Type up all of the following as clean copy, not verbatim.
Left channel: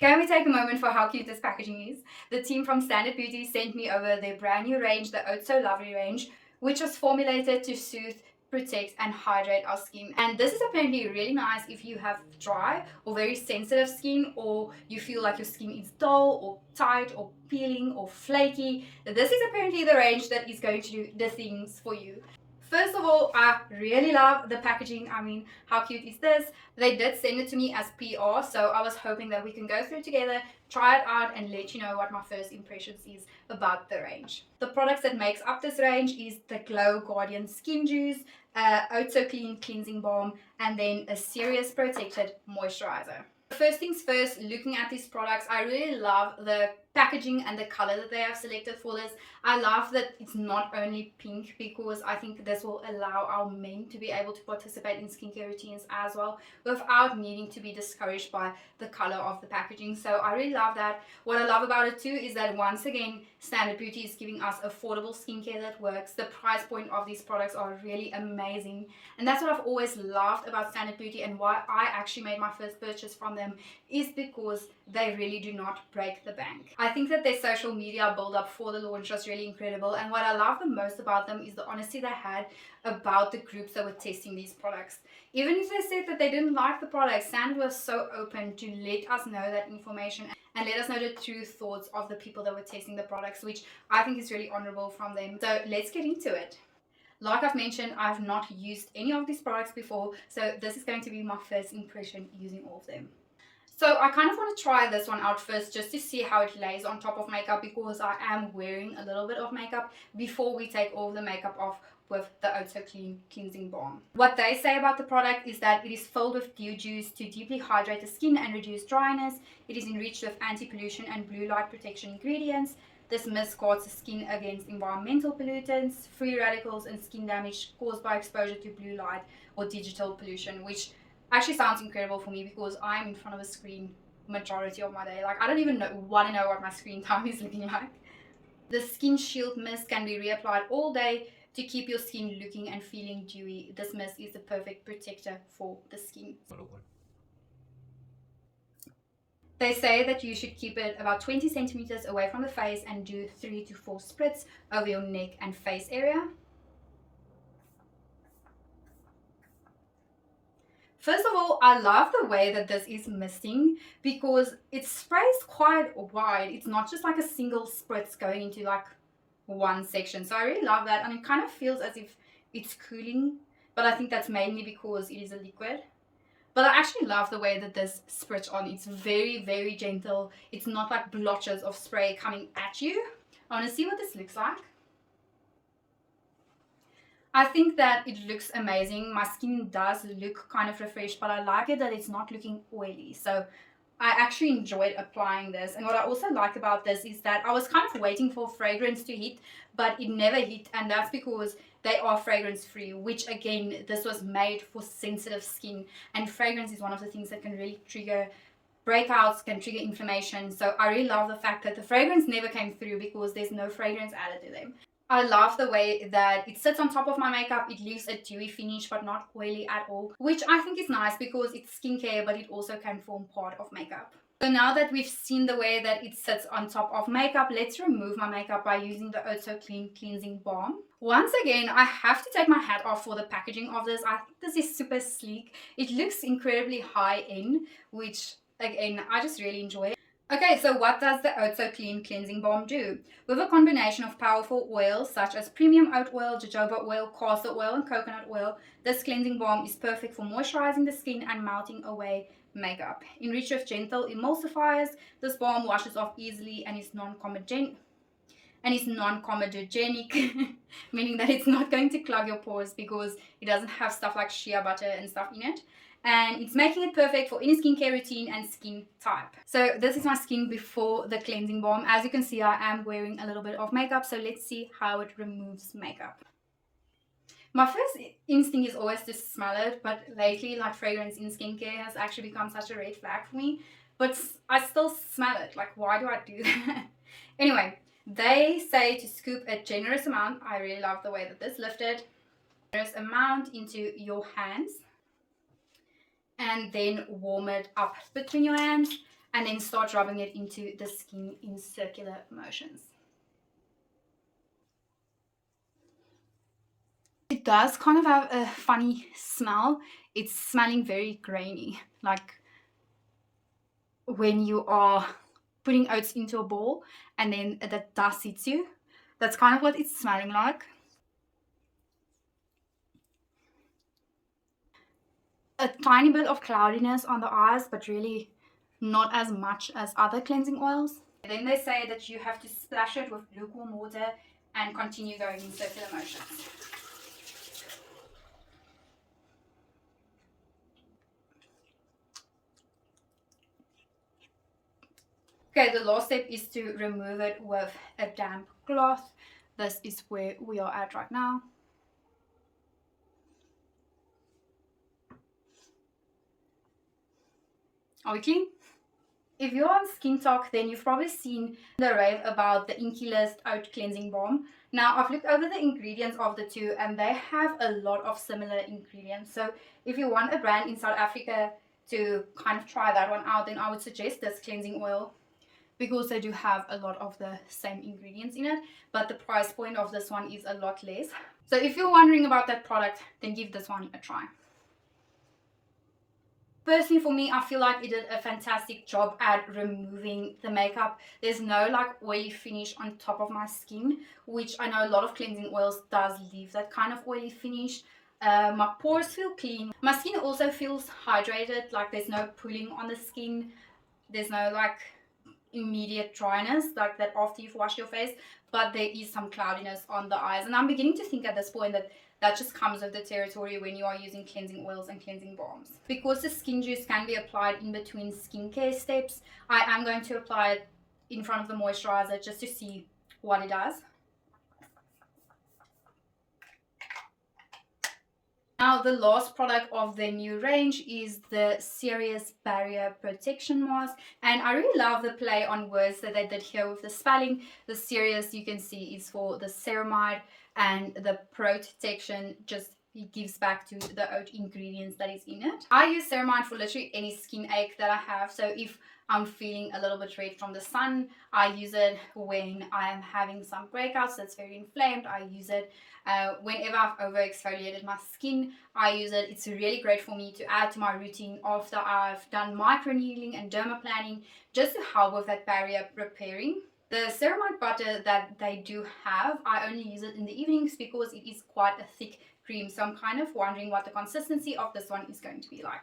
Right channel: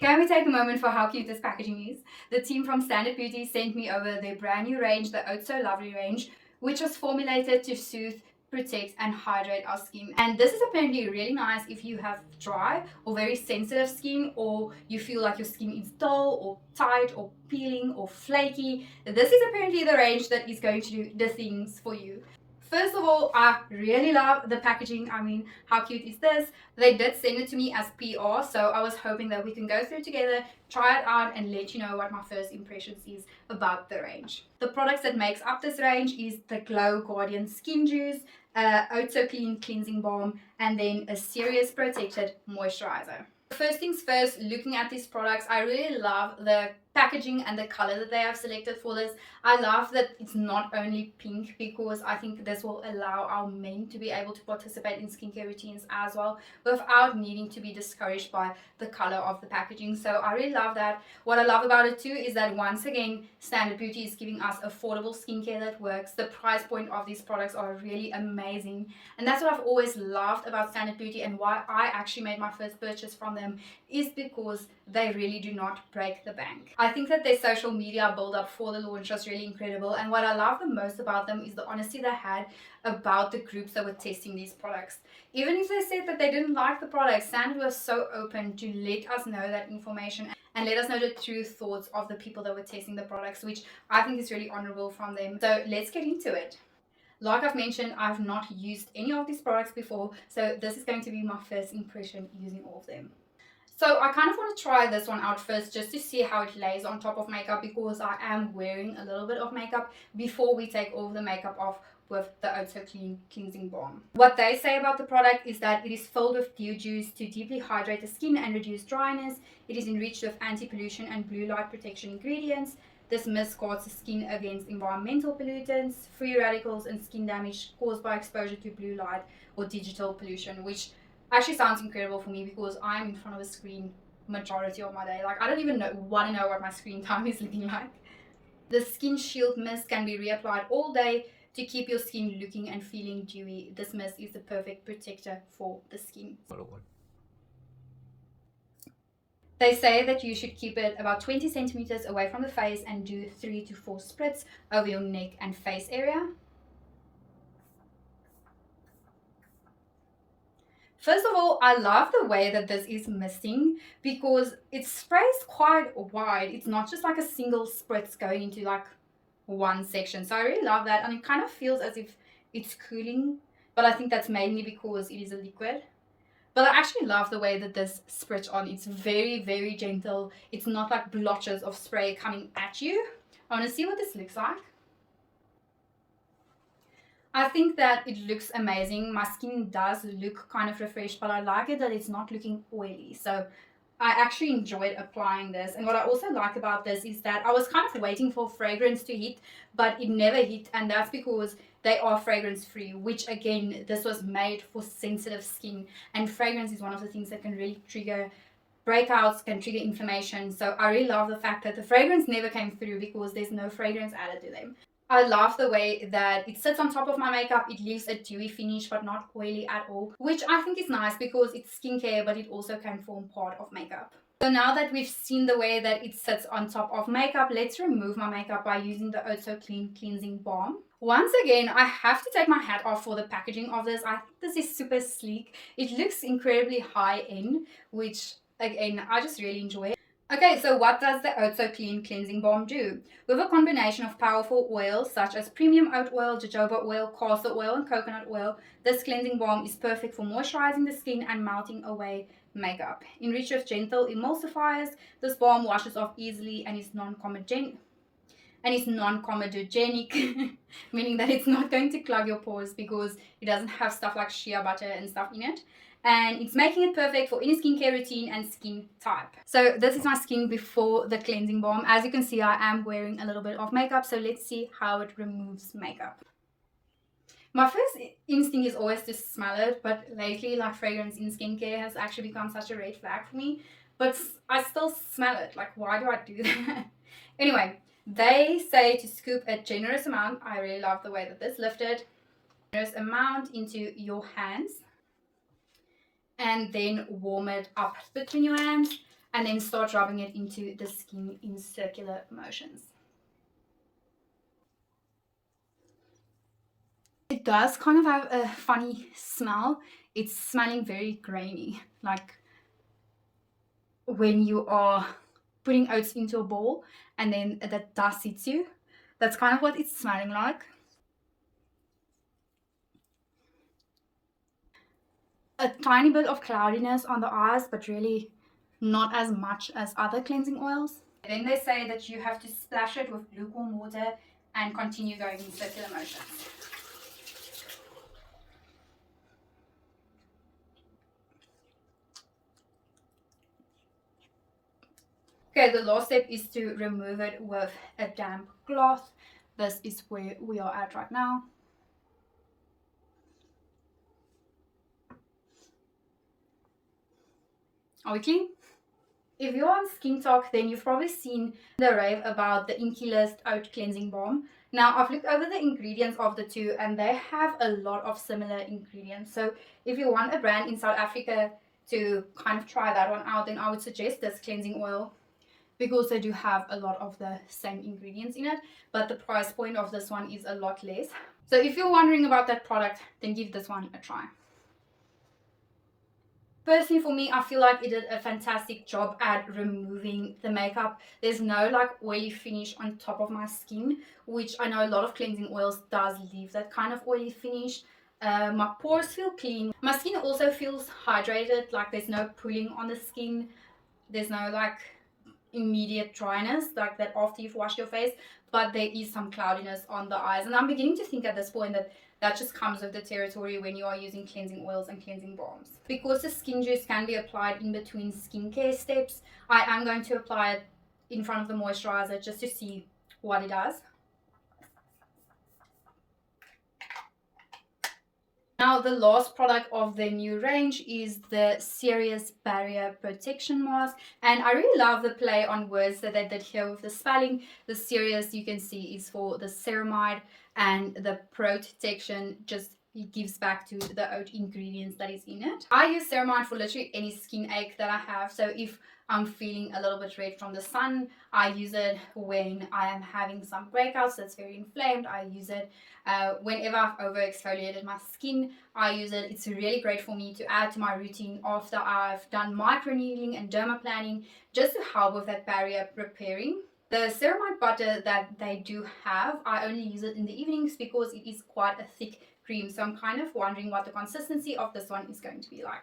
Can we take a moment for how cute this packaging is? The team from Standard Beauty sent me over their brand new range, the Oat-So-Lovely Range, which was formulated to soothe, protect and hydrate our skin. And this is apparently really nice if you have dry or very sensitive skin, or you feel like your skin is dull or tight or peeling or flaky. This is apparently the range that is going to do the things for you. First of all, I really love the packaging. I mean, how cute is this? They did send it to me as PR, so I was hoping that we can go through together, try it out and let you know what my first impressions is about the range. The products that makes up this range is the Glow Guardian Skin Juice, OatSoClean Cleansing Balm, and then a CERious Protected Moisturizer. First things first, looking at these products, I really love the packaging and the color that they have selected for this. I love that it's not only pink, because I think this will allow our men to be able to participate in skincare routines as well without needing to be discouraged by the color of the packaging. So I really love that. What I love about it too is that once again Standard Beauty is giving us affordable skincare that works. The price point of these products are really amazing, and that's what I've always loved about Standard Beauty, and why I actually made my first purchase from them is because they really do not break the bank. I think that their social media build up for the launch was really incredible, and what I love the most about them is the honesty they had about the groups that were testing these products. Even if they said that they didn't like the product, Standard was so open to let us know that information and let us know the true thoughts of the people that were testing the products, which I think is really honorable from them. So let's get into it. Like I've mentioned, I've not used any of these products before, so this is going to be my first impression using all of them. So I kind of want to try this one out first just to see how it lays on top of makeup, because I am wearing a little bit of makeup before we take all the makeup off with the OatSoClean Cleansing Balm. What they say about the product is that it is filled with dew juice to deeply hydrate the skin and reduce dryness. It is enriched with anti-pollution and blue light protection ingredients. This mist guards the skin against environmental pollutants, free radicals and skin damage caused by exposure to blue light or digital pollution, which actually sounds incredible for me because I'm in front of a screen majority of my day. Like, I don't even want to know what my screen time is looking like. The Skin Shield Mist can be reapplied all day to keep your skin looking and feeling dewy. This mist is the perfect protector for the skin. They say that you should keep it about 20 centimeters away from the face and do 3 to 4 spritz over your neck and face area. First of all, I love the way that this is misting, because it sprays quite wide. It's not just like a single spritz going into like one section. So I really love that, and it kind of feels as if it's cooling, but I think that's mainly because it is a liquid. But I actually love the way that this spritz on. It's very, very gentle. It's not like blotches of spray coming at you. I want to see what this looks like. I think that it looks amazing. My skin does look kind of refreshed, but I like it that it's not looking oily. So I actually enjoyed applying this. And what I also like about this is that I was kind of waiting for fragrance to hit, but it never hit. And that's because they are fragrance free, which again, this was made for sensitive skin. And fragrance is one of the things that can really trigger breakouts, can trigger inflammation. So I really love the fact that the fragrance never came through because there's no fragrance added to them. I love the way that it sits on top of my makeup. It leaves a dewy finish but not oily at all, which I think is nice because it's skincare, but it also can form part of makeup. So now that we've seen the way that it sits on top of makeup, let's remove my makeup by using the OatSoClean Cleansing Balm. Once again, I have to take my hat off for the packaging of this. I think this is super sleek. It looks incredibly high end, which again, I just really enjoy. Okay, so what does the OatSoClean Cleansing Balm do? With a combination of powerful oils such as premium oat oil, jojoba oil, castor oil, and coconut oil, this cleansing balm is perfect for moisturizing the skin and melting away makeup. Enriched with gentle emulsifiers, this balm washes off easily and is non-comedogenic, meaning that it's not going to clog your pores because it doesn't have stuff like shea butter and stuff in it. And it's making it perfect for any skincare routine and skin type. So this is my skin before the cleansing balm. As you can see, I am wearing a little bit of makeup, so let's see how it removes makeup. My first instinct is always to smell it, but lately, like, fragrance in skincare has actually become such a red flag for me. But I still smell it. Like, why do I do that? Anyway, they say to scoop a generous amount. I really love the way that this lifted. Generous amount into your hands, and then warm it up between your hands. and then start rubbing it into the skin in circular motions. It does kind of have a funny smell. It's smelling very grainy, like when you are putting oats into a bowl and then that dust hits you. That's kind of what it's smelling like. A tiny bit of cloudiness on the eyes, but really not as much as other cleansing oils. Then they say that you have to splash it with lukewarm water and continue going in circular motions. Okay, the last step is to remove it with a damp cloth. This is where we are at right now. Are we clean? If you're on Skin Talk, then you've probably seen the rave about the Inky List Oat Cleansing Balm. Now, I've looked over the ingredients of the two and they have a lot of similar ingredients. So if you want a brand in South Africa to kind of try that one out, then I would suggest this cleansing oil, because they do have a lot of the same ingredients in it, but the price point of this one is a lot less. So if you're wondering about that product, then give this one a try. Personally, for me, I feel like it did a fantastic job at removing the makeup. There's no like oily finish on top of my skin, which I know a lot of cleansing oils does leave that kind of oily finish. My pores feel clean. My skin also feels hydrated, like there's no pulling on the skin. There's no like immediate dryness like that after you've washed your face, but there is some cloudiness on the eyes, and I'm beginning to think at this point that that just comes with the territory when you are using cleansing oils and cleansing balms. Because the skin juice can be applied in between skincare steps, I am going to apply it in front of the moisturizer just to see what it does. Now, the last product of the new range is the CERious Barrier Protection Mask. And I really love the play on words that they did here with the spelling. The CERious, you can see, is for the ceramide, and the PrOATection just gives back to the oat ingredients that is in it. I use ceramide for literally any skin ache that I have. So if I'm feeling a little bit red from the sun, I use it. When I am having some breakouts that's very inflamed, I use it. Whenever I've over exfoliated my skin, I use it. It's really great for me to add to my routine after I've done microneedling and dermaplaning, just to help with that barrier repairing. The ceramide butter that they do have, I only use it in the evenings because it is quite a thick cream. So I'm kind of wondering what the consistency of this one is going to be like.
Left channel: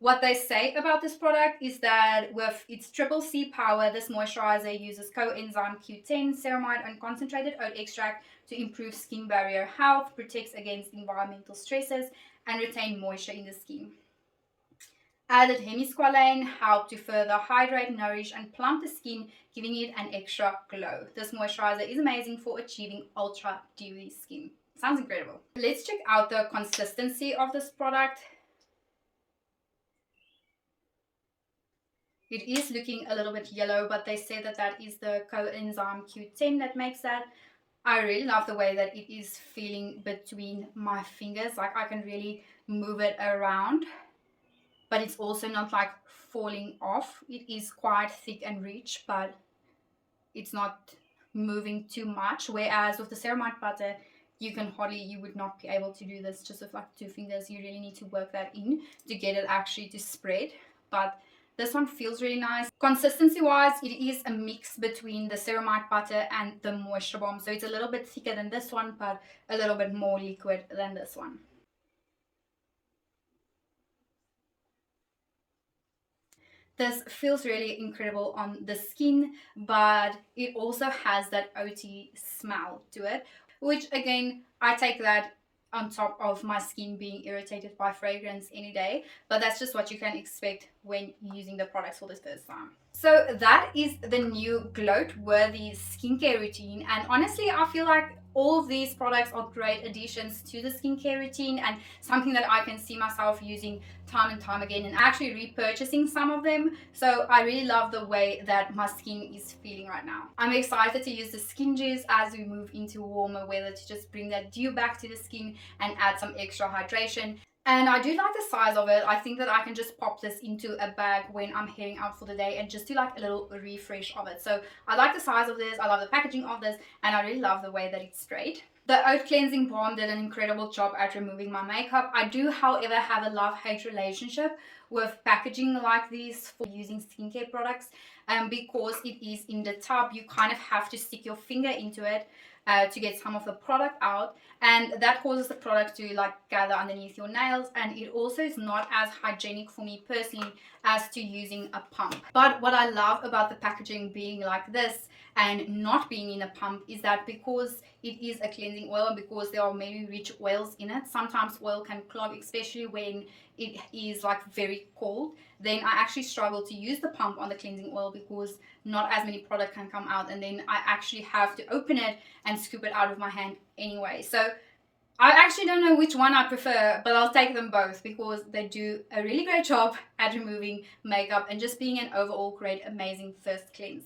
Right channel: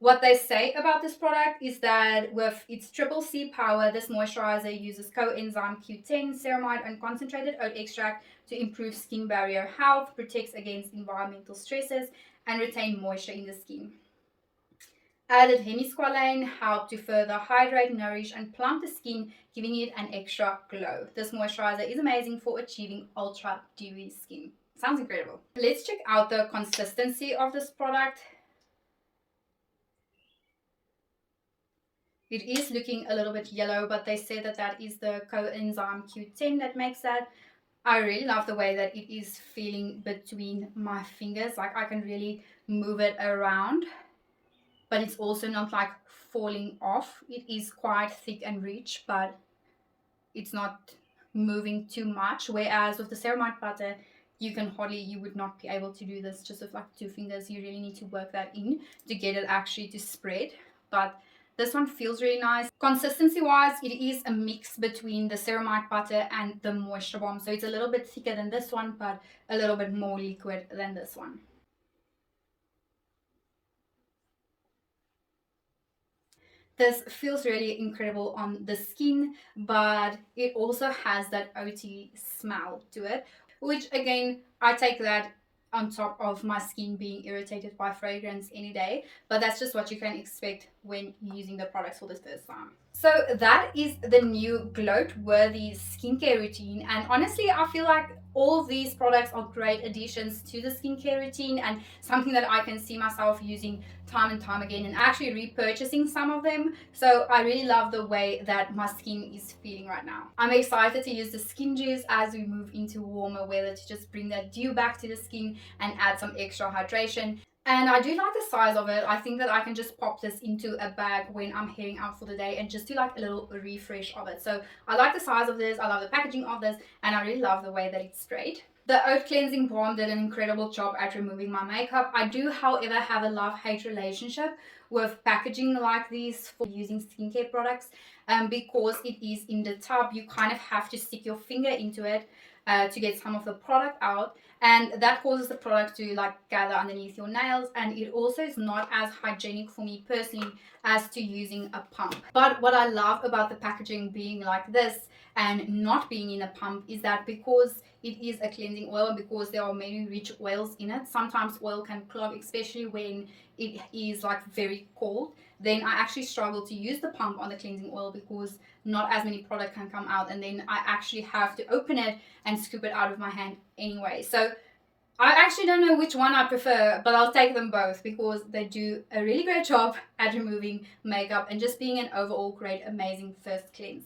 What they say about this product is that with its CCC power, this moisturizer uses coenzyme Q10, ceramide, and concentrated oat extract to improve skin barrier health, protects against environmental stresses, and retain moisture in the skin. Added hemisqualane help to further hydrate, nourish, and plump the skin, giving it an extra glow. This moisturizer is amazing for achieving ultra dewy skin. Sounds incredible. Let's check out the consistency of this product. It is looking a little bit yellow, but they say that that is the coenzyme Q10 that makes that. I really love the way that it is feeling between my fingers. Like I can really move it around, but it's also not like falling off. It is quite thick and rich, but it's not moving too much. Whereas with the ceramide butter, you would not be able to do this just with like 2 fingers. You really need to work that in to get it actually to spread. But this one feels really nice. Consistency wise, it is a mix between the ceramide butter and the moisture balm. So it's a little bit thicker than this one, but a little bit more liquid than this one. This feels really incredible on the skin, but it also has that oaty smell to it, which again, I take that on top of my skin being irritated by fragrance any day, but that's just what you can expect when using the products for the first time. So that is the new gloat-worthy skincare routine, and honestly I feel like all of these products are great additions to the skincare routine and something that I can see myself using time and time again and actually repurchasing some of them. So I really love the way that my skin is feeling right now. I'm excited to use the skin juice as we move into warmer weather to just bring that dew back to the skin and add some extra hydration. And I do like the size of it. I think that I can just pop this into a bag when I'm heading out for the day and just do like a little refresh of it. So I like the size of this, I love the packaging of this, and I really love the way that it's sprayed. The Oat Cleansing Balm did an incredible job at removing my makeup. I do, however, have a love-hate relationship with packaging like these for using skincare products. Because it is in the tub, you kind of have to stick your finger into it to get some of the product out, and that causes the product to like gather underneath your nails, and it also is not as hygienic for me personally as to using a pump. But what I love about the packaging being like this and not being in a pump is that because it is a cleansing oil and because there are many rich oils in it, sometimes oil can clog, especially when it is like very cold. Then I actually struggle to use the pump on the cleansing oil because not as many product can come out, and then I actually have to open it and scoop it out of my hand anyway. So I actually don't know which one I prefer, but I'll take them both because they do a really great job at removing makeup and just being an overall great, amazing first cleanse.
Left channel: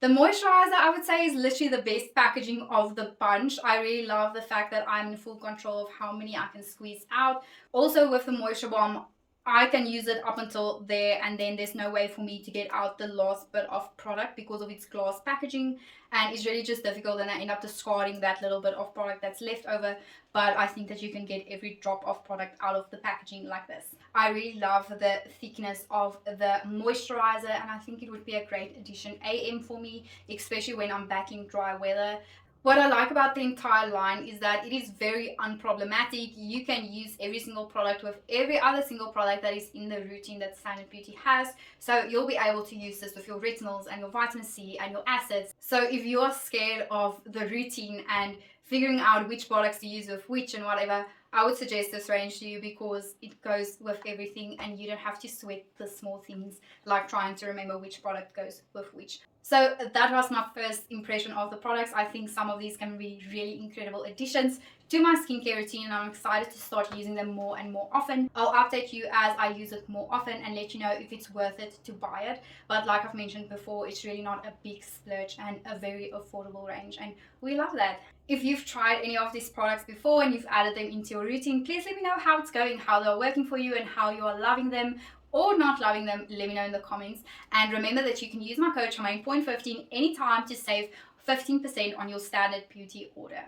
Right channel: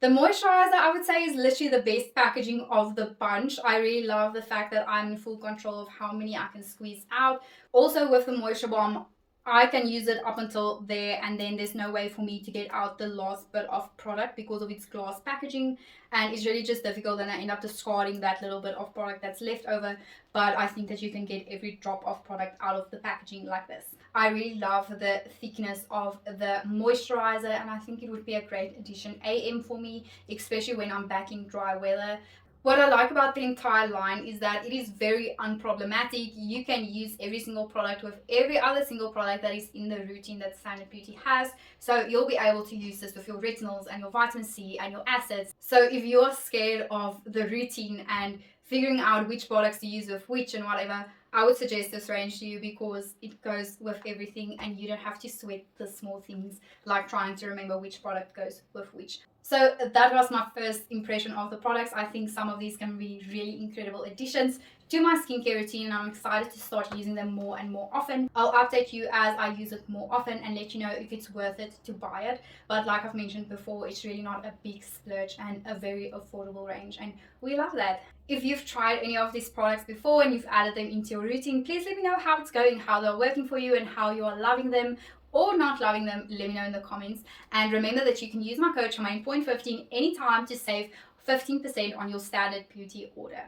The moisturizer, I would say, is literally the best packaging of the bunch. I really love the fact that I'm in full control of how many I can squeeze out. Also with the moisture balm, I can use it up until there, and then there's no way for me to get out the last bit of product because of its glass packaging, and it's really just difficult, and I end up discarding that little bit of product that's left over. But I think that you can get every drop of product out of the packaging like this. I really love the thickness of the moisturizer, and I think it would be a great addition AM for me, especially when I'm back in dry weather. What I like about the entire line is that it is very unproblematic. You can use every single product with every other single product that is in the routine that Standard Beauty has. So you'll be able to use this with your retinols and your vitamin C and your acids. So if you're scared of the routine and figuring out which products to use with which and whatever, I would suggest this range to you because it goes with everything and you don't have to sweat the small things like trying to remember which product goes with which. So that was my first impression of the products. I think some of these can be really incredible additions to my skincare routine, and I'm excited to start using them more and more often. I'll update you as I use it more often and let you know if it's worth it to buy it. But like I've mentioned before, it's really not a big splurge and a very affordable range, and we love that. If you've tried any of these products before and you've added them into your routine, please let me know how it's going, how they're working for you, and how you are loving them or not loving them. Let me know in the comments. And remember that you can use my code Charmaine.15 anytime to save 15% on your Standard Beauty order.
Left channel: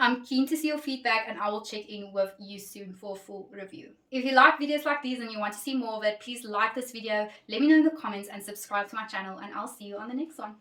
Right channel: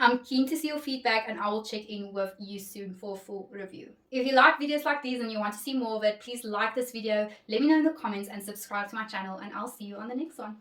I'm keen to see your feedback, and I will check in with you soon for a full review. If you like videos like these and you want to see more of it, please like this video, let me know in the comments, and subscribe to my channel, and I'll see you on the next one.